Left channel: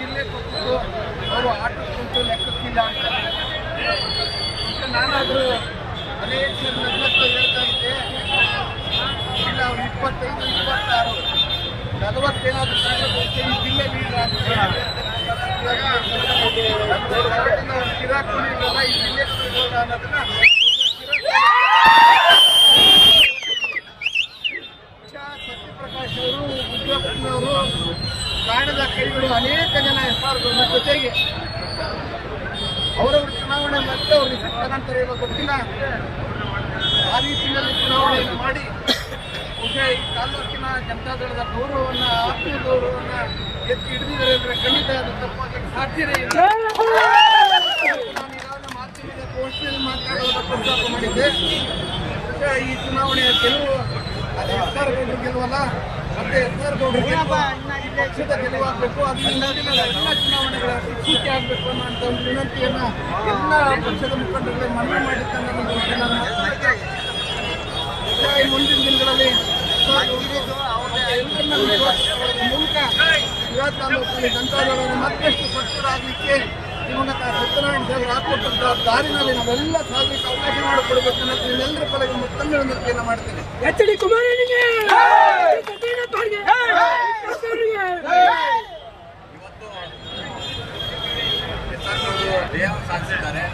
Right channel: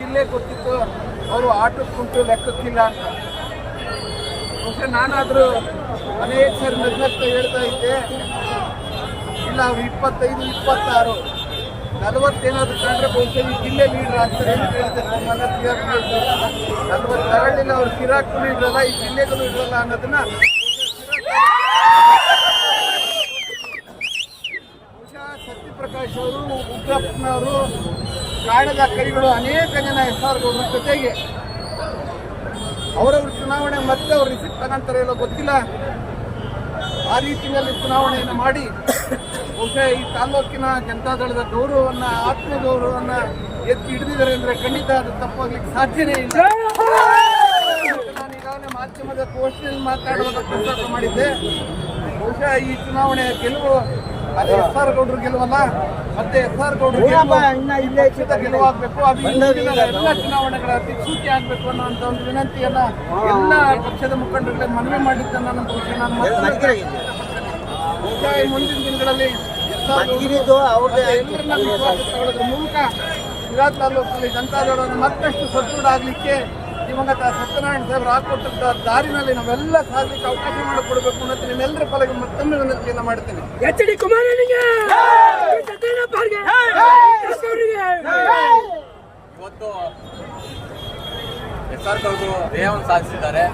ಜಿಲ್ಲೆ ಗೊತ್ತಿತ್ತು ಅವರು ಆಟಕ್ಕುಂಟು ಲೆಕ್ಕಕ್ಕಿಲ್ಲ ಅಂತ. ಬಹುಶಃ ನಾನಾದರೂ ಅನೇಕ ಸರಿ ನಿರ್ಲಕ್ಷ್ಯ ಹೇಳ್ತಾ ಇದ್ದೆ, ಇಲ್ಲ 25, 26, 40 ಏನಾದರೂ ಕಂಡ್ರೆ ಬಹುಶಃ ಈ ಜಿಲ್ಲೆ ಲೀಡರ್ ಆಗ್ತಾರೆ ಅಂತ ಹೇಳಿದ್ದೆ. ತಗೊಳ್ಳಿಲ್ಲ, ಅವ್ರು ಕಿರಾಕುಗಳು ಇರಲ್ಲ, ಈ ಜಿಲ್ಲೆಗಳು ಇರಲ್ಲ ಅನ್ನೋದನ್ನ ಬಹುಶಃ ಸತ್ಯಪ್ರಕಾಶ್ ಅವರು, ಉಗ್ರಪ್ಪನವರು, ಕಾಣದ ಕೈಗಳು ಅನೇಕ ಜನ SR ಗೌಡ್ರ ಜೊತೆಗೆ ಅವರವ್ರ ಚುನಾವಣೆ ಮತ್ತೆ ಅವ್ರು ರಿಸಲ್ಟ್ ತಗೊಂತಾರೆ ಇಲ್ಲೋ ಗೊತ್ತಿಲ್ಲ. ಆ ರೀತಿಯಲ್ಲಿ ಚುನಾವಣೆಯನ್ನು ಮಾಡಿ ಬಹುಶಃ ಈ ತಾಲೂಕಿನ ಜನತಾದಳದ ಗೌರವವನ್ನು, ಆತ್ಮೀಯ ಗೌರವವನ್ನು ಎತ್ತಿ ಹಿಡಿದಿದ್ದಾರೆ ಅಂದರೆ ಖಂಡಿತ ಅದು ತಪ್ಪಾಗಲಿಕ್ಕೆ ಸಾಧ್ಯವೇ ಇಲ್ಲ. ನಾನು ಈಗಾಗಲೇ ಮಾಧ್ಯಮದ ಗೋಷ್ಠಿಯಲ್ಲಿ ಮಾತಾಡುವಾಗ ಪ್ರಸ್ತಾಪ ಮಾಡಿದ್ದೆ. ಬಹುಶಃ ಈ ಚುನಾವಣೆಯ ಗೆಲುವು ಅದು SR ಗೌಡ್ರು ಗೆಲುವಲ್ಲ, ಮತ್ತೆ SR ಗೌಡ್ರು ಪಕ್ಷದ ಗೆಲುವಾಗಬೇಕು. ಅದು ಹಿಂದಿನ ಎಲ್ಲ ಚುನಾವಣೆಗಳ ದಿಕ್ಸೂಚಿ ಆಗಬೇಕು ಅನ್ನೋಂಥ ಒಂದು ವಿನಂತಿಯನ್ನು ಎಲ್ಲ ಪಕ್ಷದ ಮುಖಂಡರುಗಳೇ ಮನವಿ ಮಾಡಿದ್ದನ್ನು ನನ್ನ ವಿಷಯ ನಾನು ಮತ್ತೆ ಬಹುಶಃ ಮುಂದಿನ ದಿನಗಳಲ್ಲಿ SR ಗೌಡ್ರು ಅವ್ರಿಗೆ ಎಲ್ಲರನ್ನ ವಿಶ್ವಾಸ ತಗೊಳ್ಳೋದ್ರ ಮೂಲಕ ಶಿರಾ ತಾಲೂಕಿನಲ್ಲಿ ಜನತಾದಳವನ್ನು ಮತ್ತಷ್ಟು ಸದೃಢ ಆಗಲಿಕ್ಕೆ ದಿವಂಗತ ಸತ್ಯನಾರಾಯಣ ಸಾಹೇಬರು ಹಾಕೊಟ್ಟಂಥ ದಾರಿನಲ್ಲಿ ನಾವೆಲ್ಲ ಸಾಗಲಿಕ್ಕೆ ಅವಕಾಶ ಮಾಡಿಕೊಡ್ಬೇಕು ಅನ್ನೋದು ನಿಮ್ಮೆಲ್ಲರ ಪರವಾಗಿ ಮತ್ತೊಮ್ಮೆ ವಿನಂತಿಯನ್ನು ಮಾಡ್ತೇನೆ. ಇವತ್ತು SR ಗೌಡ್ರು ಜಯವನ್ನು ಸಾಧಿಸಿದ್ದಾರೆ.